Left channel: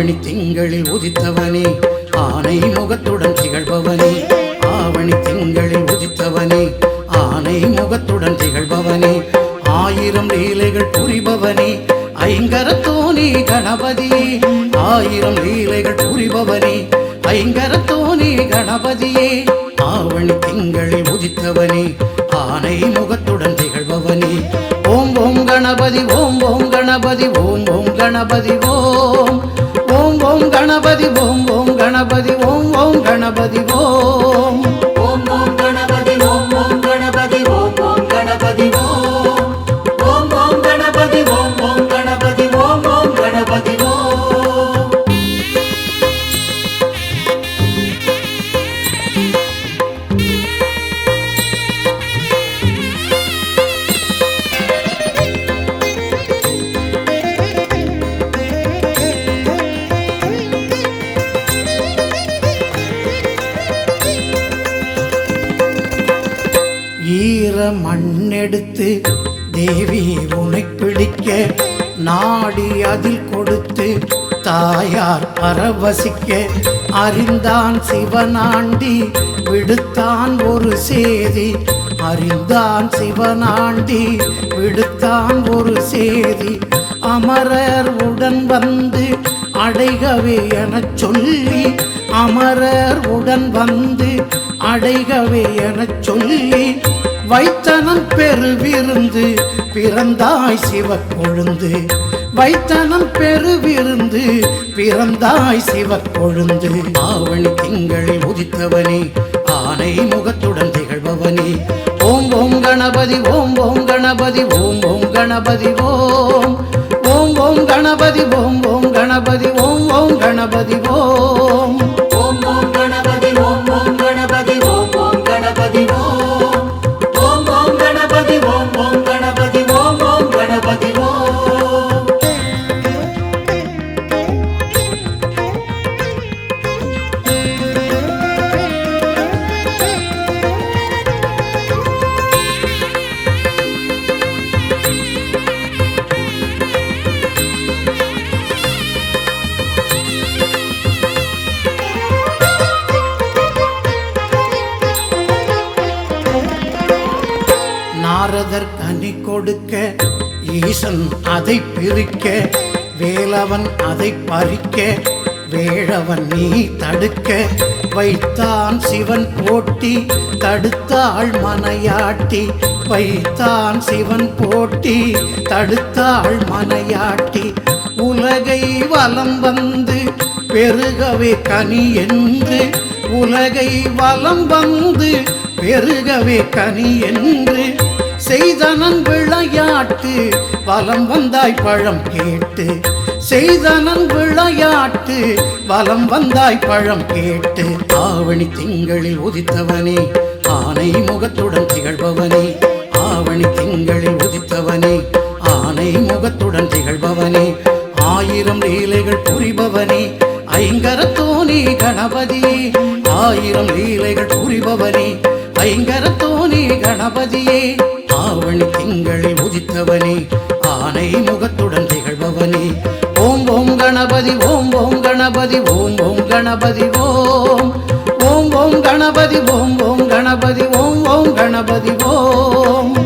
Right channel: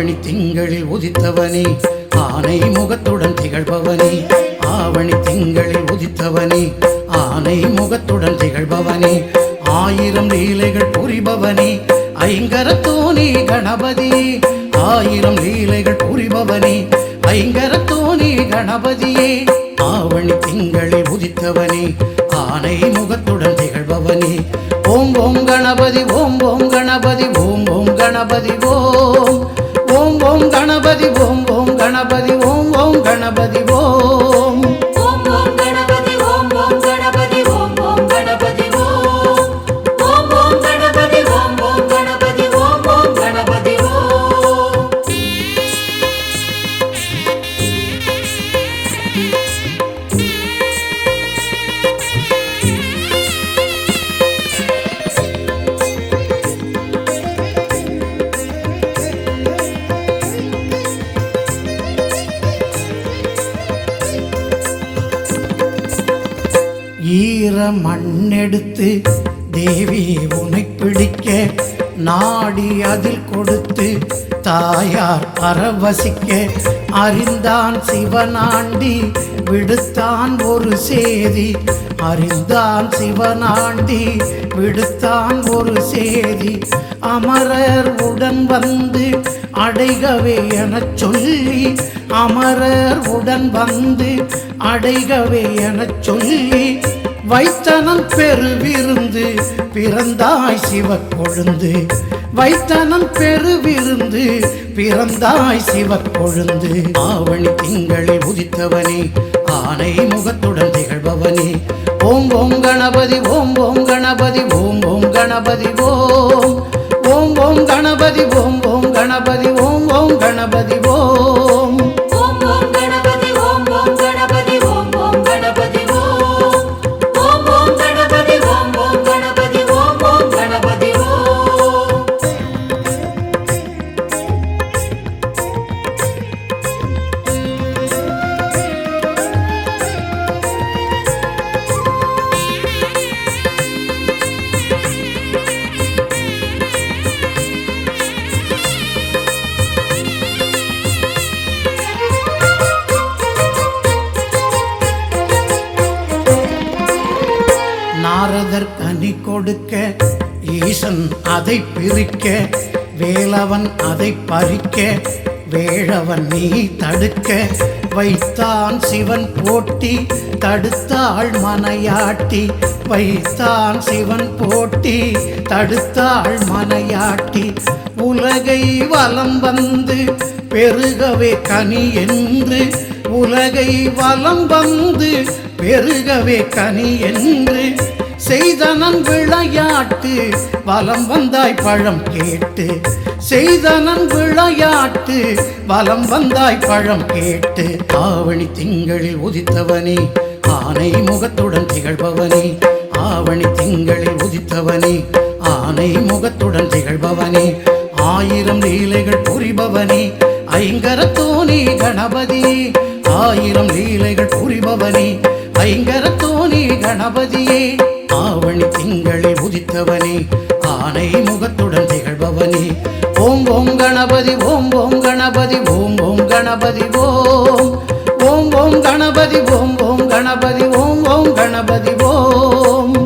ஆவணி திங்களில் உதித்தவனே ஆனை முகத்துடன் திகழ்பவனே ஆவணி திங்களில் உதித்தவனே ஆனை முகத்துடன் திகழ்பவனே ஆயிரம் லீலைகள் புரிபவனே ஐங்கரத்தோனே கணபதியே ஆயிரம் லீலைகள் புரிபவனே ஐங்கரத்தோனே கணபதியே ஆவணி திங்களில் உதித்தவனே ஆனை முகத்துடன் திகழ்பவனே ஓம் ஓம் கணபதி ஓம் ஓம் கணபதி ஓம் ஓம் கணபதி ஓம் ஓம் ஓம் கணபதி ஓம் ஓம் கணபதி ஓம் ஓம் கணபதி ஓம் ஈர மண்ணெடுத்து தேவி உனை பிடிக்க நாடி அதில் கொடுத்து தாயார் பரவசிக்க அறிந்தான் சிவனாண்டி விடுத்தான் ஒரு சேதி அறிந்தான் சிவனாண்டி விடுத்தான் ஒரு சேதி அமரர் உடன் வந்து அடைகவே எனச் சொல்லி அமரர் உடன் வந்து அடைகவே எனச் சொல்லி வைத்தனன் பெருவிருந்து பிறந்தாய் சிவக்கொழுந்து வைத்தனன் பெருவிருந்து பிறந்தாய் சிவக்கொழுந்து ஆவணி திங்களில் உதித்தவனே ஆனை முகத்துடன் திகழ்பவனே ஓம் ஓம் கணபதி ஓம் ஓம் கணபதி ஓம் ஓம் கணபதி ஓம் ஓம் ஓம் கணபதி ஓம் ஓம் கணபதி ஓம் ஓம் கணபதி ஓம் நாரதர் கனி கொடுக்க ஈசன் அதை பிரிக்க வேலவன் அதை பறிக்க வேழவன் நீ தடுக்க வைத்தான் சிவன் போட்டி தடுத்தாள் மனையாட்டி வைத்தான் சிவன் போட்டி தடுத்தாள் மனையாட்டி உலகை வலம் வந்து பெருகவே கனி என்று உலகை வலம் வந்து பெருகவே கனி என்று செய்தனன் விளையாட்டு வலம் வந்தாய் பழம் கேட்டு செய்தனன் விளையாட்டு வலம் வந்தாய் பழம் கேட்டு ஆவணி திங்களில் உதித்தவனே ஆனை முகத்துடன் திகழ்பவனே ஆவணி திங்களில் உதித்தவனே ஆனை முகத்துடன் திகழ்பவனே ஆயிரம் லீலைகள் புரிபவனே ஐங்கரத்தோனே கணபதியே ஆயிரம் லீலைகள் புரிபவனே ஐங்கரத்தோனே கணபதியே ஆவணி திங்களில் உதித்தவனே ஆனை முகத்துடன் திகழ்பவனே ஓம் ஓம் கணபதி ஓம் ஓம் கணபதி ஓம் ஓம் கணபதி ஓம் ஓம் ஓம் கணபதி ஓம் ஓம் கணபதி ஓம் ஓம் கணபதி ஓம்